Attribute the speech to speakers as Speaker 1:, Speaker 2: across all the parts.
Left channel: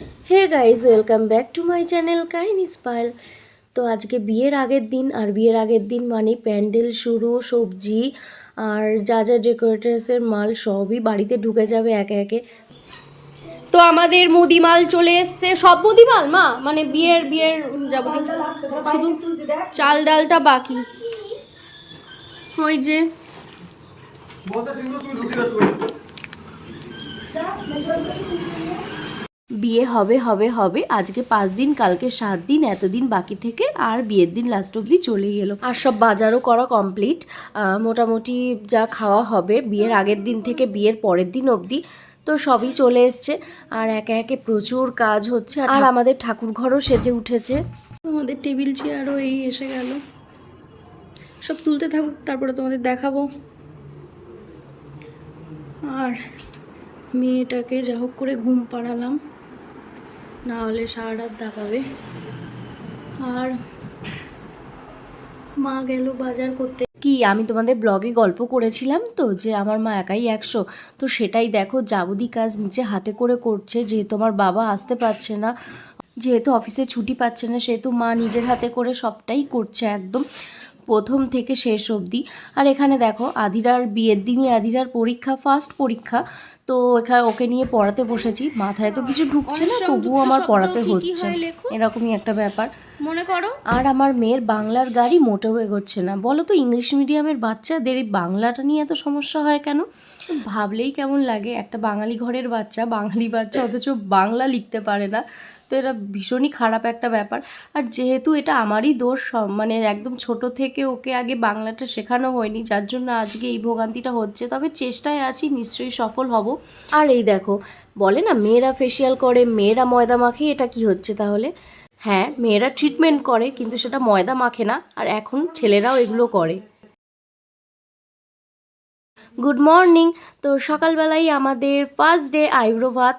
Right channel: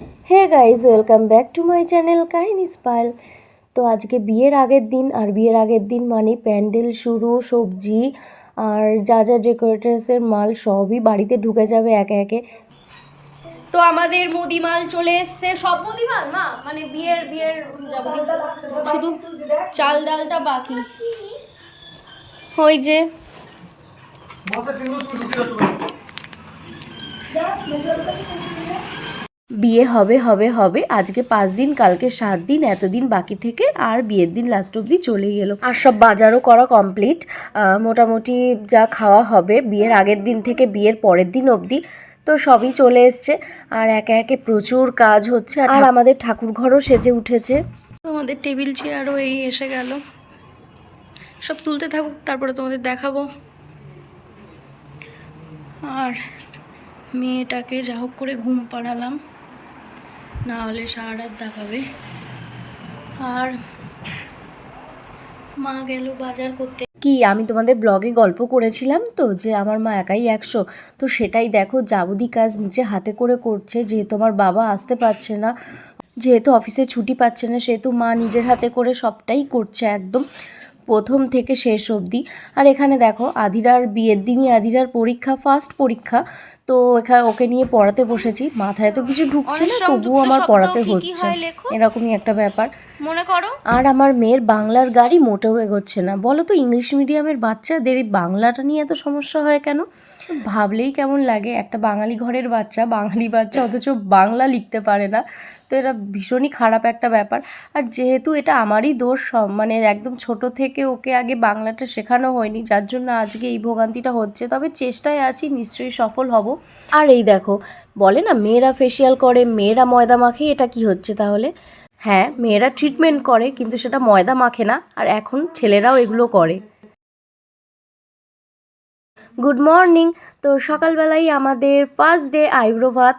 Speaker 1: Hey guys welcome back to my channel কাইন স্পাইল তো আজকে বিয়ের আগের দিন আর বিয়ের আগের দিন মানে প্যান্ডেল শুরু সবজি আর যা যা ডেকোরেটার্সের মাল সবই বাড়িতে ঢুকে যাবে একে একে। তো আমাদের মুদিমাল চলে এসছে। সব মুদিমাল মা? মানে বিয়ের বিয়ের যাবতীয়। শুধু চাল ডালটা বাকি। ওই যে। বিয়ে হবে হবে হবে আজকে পাঁচ দিন কালকে সাত দিন এতদিন বাকি থেকে আর বিয়ের দিন লাস্ট অবধি চলে গেল। আর সব বাজারও করা কমপ্লিট মোটামুটি যা খাওয়া হবে বিয়ের আগের দিন থেকে বিয়ের পরের দিন অবধি তো সবই চলে এসছে। আর একে একে প্রচুর কাজ হচ্ছে। আর আমাদের ঠাকুর ঘরও সেজে উঠেছে। আমাদের টেবিল চেয়ারও এই এসে গেল। সব তুলতে থাকুক তারপরে তোমাদের দেখাবো। আর মেয়েটাকে যা হোক করে ঘুম পাড়ালাম। না হলে সারা রাত দাপাবে আর মা গেল বাজার করতে। কি, আমি তোমাদের ব্লগে গল্প করেছিলাম তো, যে আমার মা একাই একশো। তো সেটাই দেখো যাবদি কাজ নিচে হাতে করে করছে, যেহেতু আমার বাবা আসতে পারছে না, যেহেতু অফিসে ছুটি পাচ্ছে না, সেহেতু মা নিজের হাতে করে সবটাই করছে একদম। প্রথম থেকে শেষ অবধি। আর এখানে দেখো আধিরার বিয়ের দিনই আধিরার পরীক্ষা ফার্স্ট পরীক্ষা। তো এখানে ওকে নিয়ে পড়াতে বসেছি। মাথায় তো কিছু ঢুকছে না তবুও আমার পড়াতে হচ্ছে। এরকমই একটা ব্যাপার।
Speaker 2: মনে করো?
Speaker 1: আর আমার মেয়ের বাংলার গাড়ি মোটেও এগোচ্ছে না। বলো তো ইংলিশ মিডিয়ামের বাচ্চাদের এই বাংলাটা নিয়ে এত সমস্যা হয় কেন? ভাবলেই কেমন লাগে একটা বাঙালি ঘরের বাচ্চা বাঙালি বাচ্চা অথচ বাংলা লিখতে পারে না। তো এটা ভীষণই খারাপ একটা ব্যাপার। আর যেহেতু এটা আমারই দোষ মানে একদম ছোট থেকে ওকে আগে বাংলাটা শেখানো হয়নি, যার জন্য আজকে এই ভোগান্তিটা হচ্ছে। তবে চেষ্টায় আছি, নিশ্চয়ই সফল হব। আর এই দেখো, বলে না, মেয়েরা ফেসিয়াল করে, মেয়েরা ময়দা মাখে, এটা কি হচ্ছে তাহলে? হ্যাঁ মেয়েরা ট্রিটমেন্ট করে, কিন্তু সেটা ময়দা মাখে না, আর এখন ছেলেরাও এগুলো করে। গুড মর্নিং তো সকালবেলাই আমাদের ফার্স্ট ডে আইব্রো ভাত।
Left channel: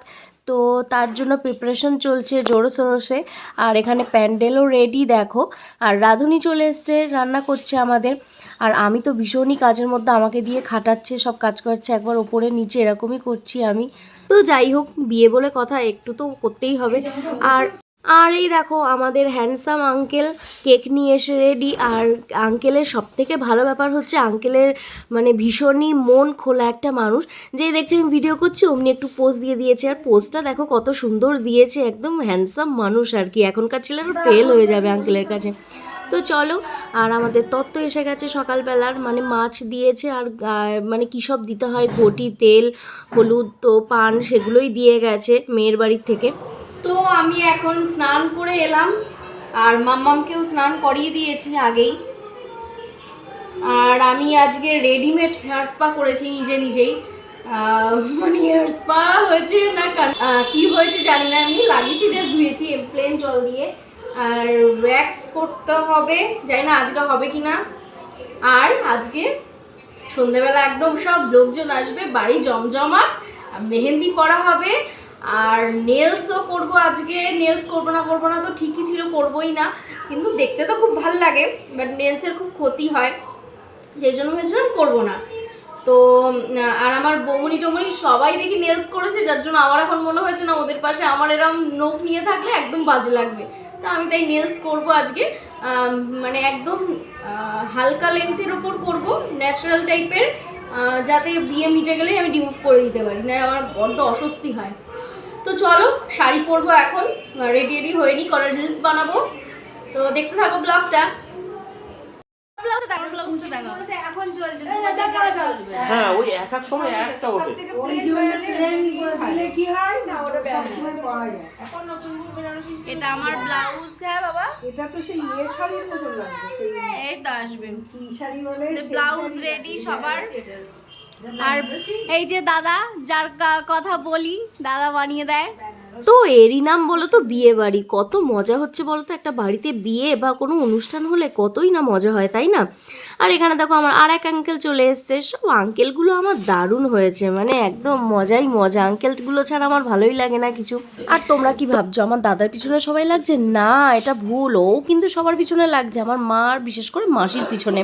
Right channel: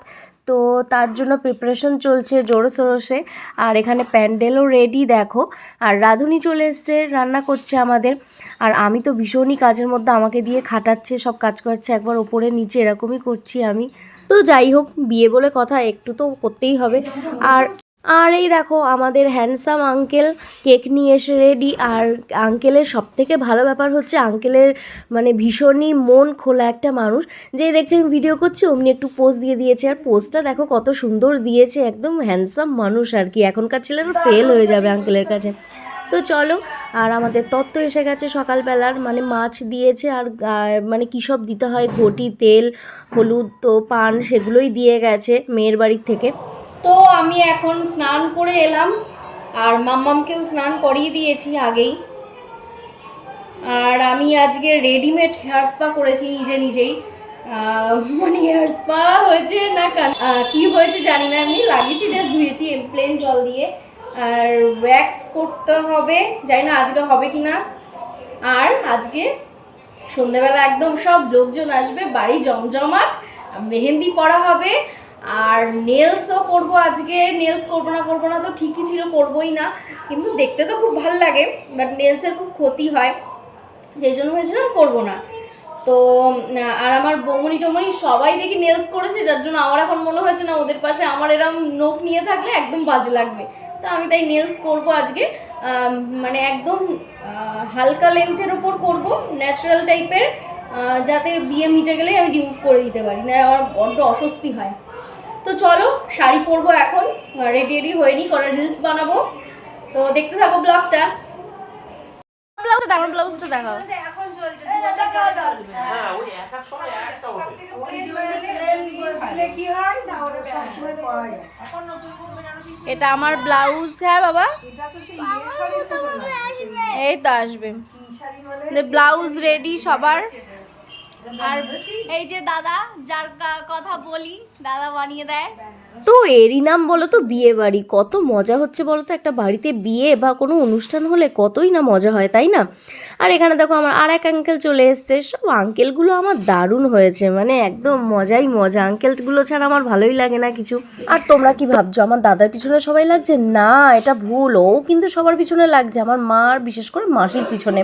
Speaker 1: তো তার জন্য প্রিপারেশন চলছে জোরো সোরসে। আর এখানে প্যান্ডেলও রেডি দেখো। আর রাঁধুনি চলে এসছে, রান্না করছে আমাদের। আর আমি তো ভীষণই কাজের মধ্যে আমাকে দিয়ে খাটাচ্ছে, সব কাজ করছে। একবার ওপরে নিচে এরকমই করছি আমি। তো যাই হোক, বিয়ে বলে কথা, একটু তো করতেই হবে। আর আর এই দেখো আমাদের হ্যান্ডসাম আঙ্কেল কেক নিয়ে এসে রেডি আর আঙ্কেলের সব থেকে ভালো ব্যাপার হচ্ছে আঙ্কেলের মানে ভীষণই মন খোলা একটা মানুষ। যে দেখছে আমি ভিডিও করছি, অমনি একটু পোস্ট দিয়ে দিয়েছে। আর পোস্টটা দেখো কত সুন্দর দিয়েছে, একদম হ্যান্ডসাম মানুষ আর কি। এখনকার ছেলেরা ফেল হয়ে যাবে আঙ্কেলের কাছে। তো চলো, আর আমাদের তত্ত্ব এসে গেছে সকালবেলার। মানে মাছ দিয়েছে আর মানে কী সব দিতে হয়? ঘটি, তেল, হলুদ তো পান সেগুলোই দিয়ে গেছে মেয়ের বাড়ির থেকে। তো আমি এখন স্নান করে এলাম, আর মাম্মামকেও স্নান করিয়ে দিয়েছি আগেই। আর আমি আজকে রেডিমেড হেয়ার স্পা করেছি নিজে নিজেই। মানে হেয়ার স্পা হয়েছে না কি হয়েছে জানি না, এমনি লাগিয়েছি জাস্ট ধুয়েছি প্লেন জল দিয়ে। আর ওয়্যাক্স করতে হবে, জানি না আজকে হবে কি না। আর আজকে সন্ধেবেলা একদম সব লোকজন আসবে, বাড়ি জমজমাট মেহেন্দি পরা হবে। আর নেলসও করব আজকে নেলস করব না করব না তো ঠিকই ছিল, করবোই না। কিন্তু দেখতে তো খুব ভালো লাগে বাট নেলসের খুব ক্ষতি হয়। সেই জন্য ভেবেছিলাম করব না। তো আর আমার বৌমনি টমনি সবাই দেখি নেলস করেছে, যার জন্য আমার এখন মনে হয়েছে না ওদের পাশে আমার এরম নোখ নিয়ে থাকলে একদম বাজে লাগবে। তো আমি তাই নেলস করব আজকে মানে একদম হালকা লেন্থের ওপর করব ন্যাচারাল টাইপের যাতে বিয়ে মিটে গেলেই আমি রিমুভ করে দিতে পারি না আমার বড্ড অস্বস্তি হয়। তো চলো শাড়ি পরবো এখন। রেডি রেডি হয়নি করা রিলস বানাবো। তো দেখতে থাকো ব্লগটা ব্লাউজটা দেখো ব্লাউজটা দেখো
Speaker 3: হ্যাঁ ওই এক এক সময় একটা ওঠে।
Speaker 1: এটা আমার ব্লাউজ হ্যাঁ বাবা। এই তো আসবে। ব্লাউজ রেডি সবার। আর এই যে দাদা, যার কথা বলি, দাদা বানিয়ে দেয়। তো এরই নাম বলো তো বিয়ে বাড়ি। কত মজা হচ্ছে বলো তো একটা বাড়িতে বিয়ে বা কোনো অনুষ্ঠান হলে কতই না মজা হয়, তাই না? আর এখানে দেখো আমার আর এক আঙ্কেল চলে এসছে। সব আঙ্কেলগুলো আমার দারুণ হয়েছে মানে একদম মজাই মজা। আঙ্কেলগুলো ছাড়া আমার ভালোই লাগে না কিছু। আর তোমরা কি ভাবছ, আমার দাদার পিছনে সবাই লাগছে? না, এটা ভুল। ও কিন্তু সবার পিছনে লাগছে, আমার মার বিশেষ করে মাসির পিছনে।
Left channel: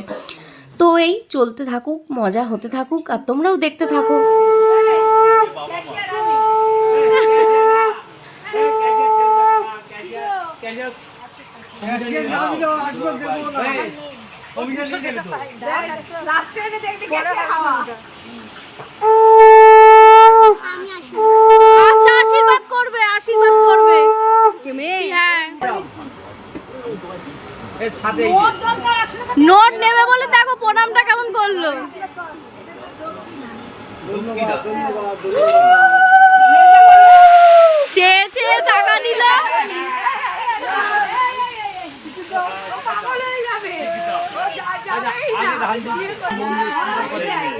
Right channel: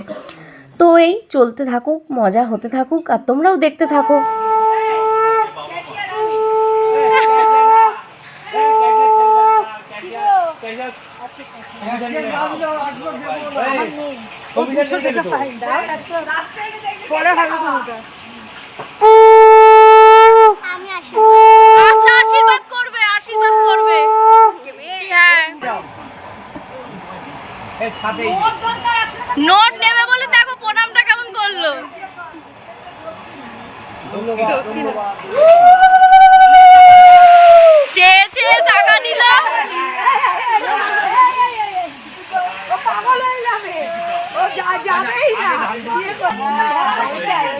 Speaker 1: তো এই চলতে থাকুক মজা হতে থাকুক আর তোমরাও দেখতে থাকো।
Speaker 2: আচ্ছা আশীর্বাদ করবে আশীর্বাদ করবে। হ্যাঁ। সাথে নোট নেবে বলে দেখো প্রণামটা কেমন করল চেয়ে চেয়ে টাকা নিল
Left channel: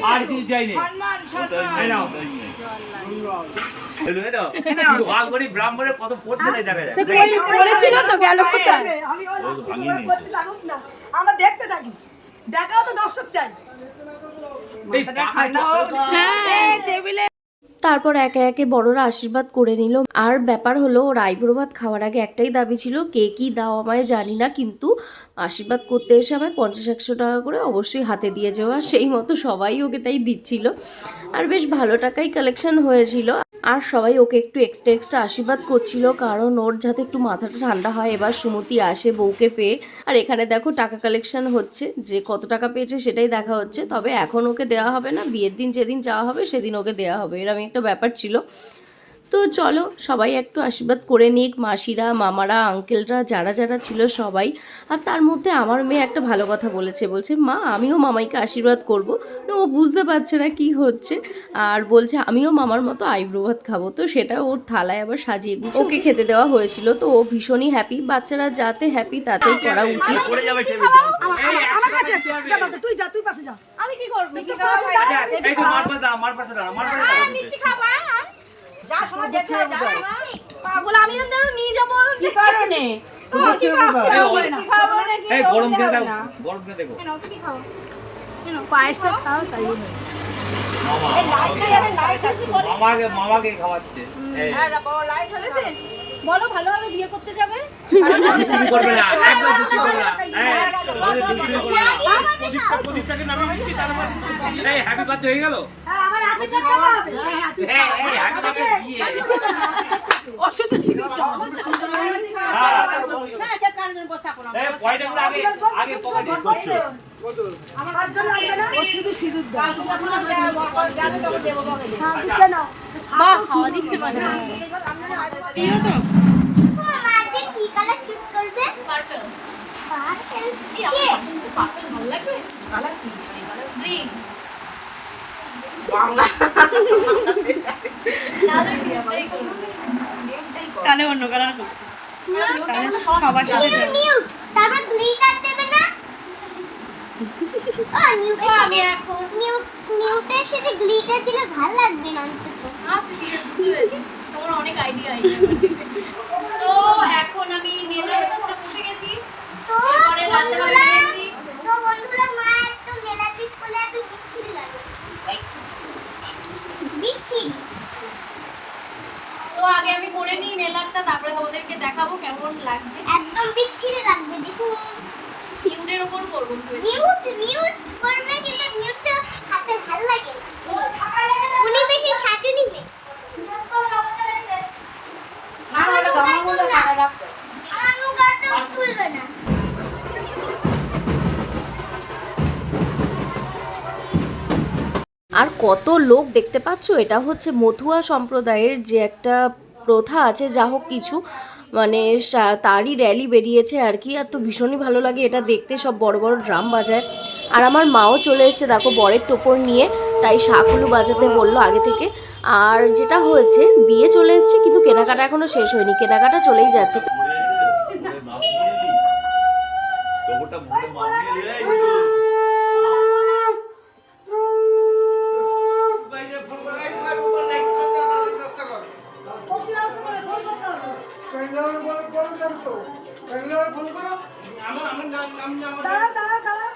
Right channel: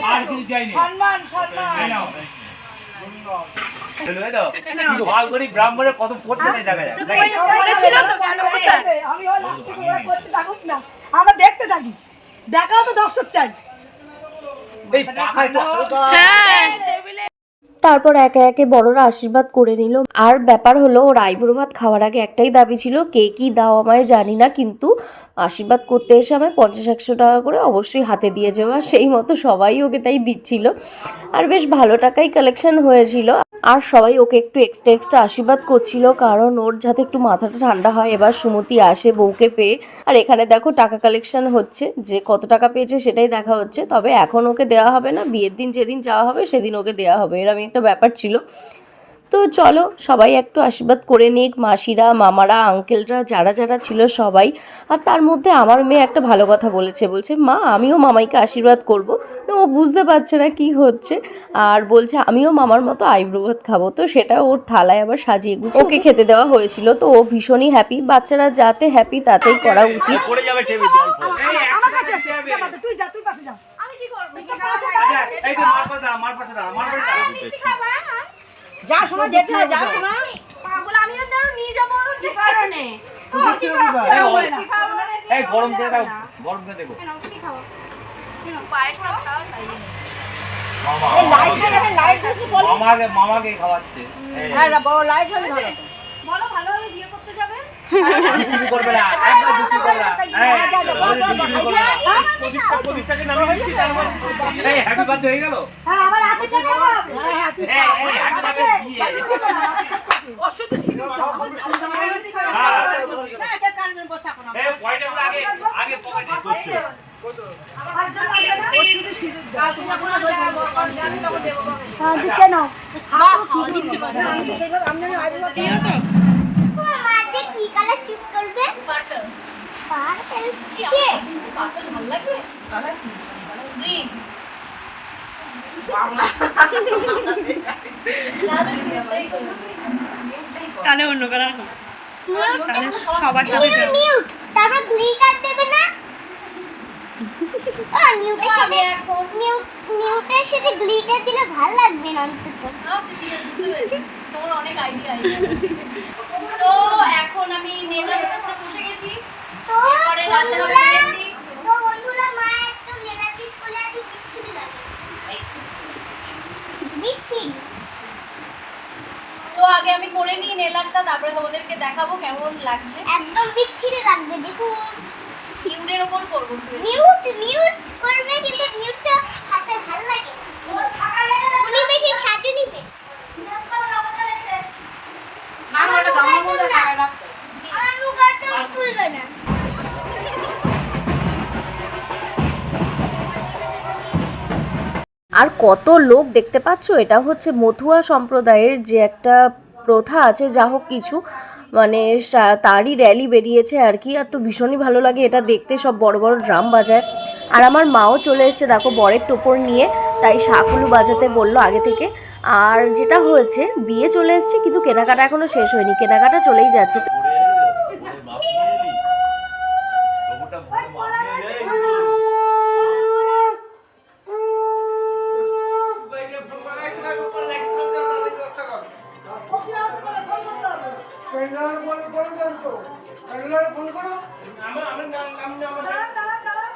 Speaker 4: আর কিছু চাইনি এই নাও। এই নাও। ভাগ করি ব্রাহ্মণের কত পড়ছে দেখা যায়
Speaker 3: আমরা দেখতে থাকি। দেখাও তো দর্শক চাই
Speaker 4: কথা
Speaker 2: হ্যাঁ।
Speaker 1: তারপর একে একে বড়রা আশীর্বাদ করে নিল। আর ব্যাপার হলো ওর আইবুড়ো ভাত খাওয়ার আগে একটাই দাবি ছিল কে কি দাও আমায় জানি না কিন্তু আশীর্বাদ করতে এসে আমায় পঞ্চাশ একশো টাকা করে অবশ্যই হাতে দিয়ে যাওয়া সেই মতো সবাই ওকে তাই দিচ্ছিল। আর বেশ ভালো টাকাই কালেকশন হয়েছিল। আর সবাই ওকে একটু এক্সট্রা এক্সট্রা আশীর্বাদ করছিল, কারণ ওর যাতে একটু মাথাটা ঠান্ডা হয়। এবার সুমতি আসে বউকে পেয়ে। আর এখানে দেখো টাকা কালেকশন হচ্ছে, যে কত টাকা পেয়েছে সেটাই দেখা হচ্ছে। তবে এখন ওকে দেওয়া হবে না, বিয়ের দিন যেদিন যাওয়া হবে সেদিন ওকে দেওয়া হবে। এরকম একটা ব্যাপার ছিল। তো চলো সবাই একটু আশীর্বাদ করে নিক মাসিরা মামারা আঙ্কেলরা যারা যারা ছিল সবাই। আর তার মধ্যে আমার মেয়ে একটা ভালো কথা বলেছে বলছে মা আমিও মামাইকে আশীর্বাদ করব। না ও বুঝতে পারছে না কি হচ্ছে। আর বলছে আমিও মামার মতো আইব্রো ভাত খাব। তো সেটা ওর থালায় আবার সাজিয়ে গুছিয়ে ওকে খেতে দেওয়া হয়েছিল। তো ও ভীষণই হ্যাপি বাচ্চারা যাতে হ্যাপি তাতেই করা উচিত।
Speaker 3: তুই যা তুই পাশে যা।
Speaker 2: আমি কি করব? মিষ্টি
Speaker 4: এই তো মার পাশে দাঁড়া, মার পাশে দাঁড়া, মার পাশে দাঁড়া।
Speaker 3: যা শোনা যেতে যা শোনা।
Speaker 2: পাগল আমি ওদের নিয়ে যাব। কি
Speaker 4: এই, এই গরম খেয়ে দাও গরম খেয়ে দেখো।
Speaker 2: পায়েসটা খাওয়া তাই
Speaker 4: মামাকে মামাকে খাওয়াচ্ছে।
Speaker 2: বলো ভালোভাবে বিয়ে করতে যাবে?
Speaker 4: দুষ্টুমি করবে না একদম দুষ্টুমি করবে না। এই, বলে দুষ্টুমি করবে না এই হ্যাপি বার্থডে হয়ে
Speaker 3: হ্যাঁ আমার হাতে টাকা হবে হ্যাঁ হ্যাঁ তুই
Speaker 4: এই হ্যাপি বার্থডে হ্যাঁ
Speaker 3: না না
Speaker 4: গুলো?
Speaker 3: না হ্যাঁ
Speaker 2: পার্পল ভালো লাগে গ্রিন তাহলে
Speaker 5: অন্য কালার তাহলে সবার সাথে যাও।
Speaker 6: ভালো লাগবে
Speaker 2: আচ্ছা আছে, বুঝতে তোমার অনেক আইডিয়া আইডিয়া তো এখন আমি নেলার করতে বসে গেছি
Speaker 6: তো
Speaker 2: এরপরে রান্না হবে
Speaker 6: বন্ধুরা-
Speaker 2: মেহেন্দি।
Speaker 6: তো বন্ধুরা মা একদম নেলা পিস করলে একটু বিচ্ছিরি লাগে বিচ্ছিরি
Speaker 2: তো করে নিই নেলারটা তারপরে তোমাদেরকে দেখাবো কেমন লাগছে।
Speaker 6: একদম বিচ্ছিরি লাগবে
Speaker 2: ওপর করব
Speaker 6: মিউট মিউট করবে কিন্তু মিউটটা হাতে ভালো লাগে উনি বেশি সাজু নিবে
Speaker 1: আর কত লোক দেখতে পাচ্ছ? এটা হচ্ছে মথুয়া সম্প্রদায়ের যে একটা প্রথা আছে, যা হোক কিছু। মানে তারই র্যালি বেরিয়েছে আর কি। আর তো ভীষণই ভালো লাগে এটা দেখতে, সব বড় বড় ড্রাম বাজায়। আর আমার মাও চলে এসেছে দেখো বরের টোপর নিয়ে, তাই শাকুলু বাজাতে বলল আগে থেকে। আর যেটা হয়েছে, বিয়ে চলে এসছে, কিন্তু কেনাকাটা এখনও শেষ হয়নি। কেনাকাটা চলেই যাচ্ছে।
Speaker 3: দাঁড়া দাঁড়া দাঁড়া।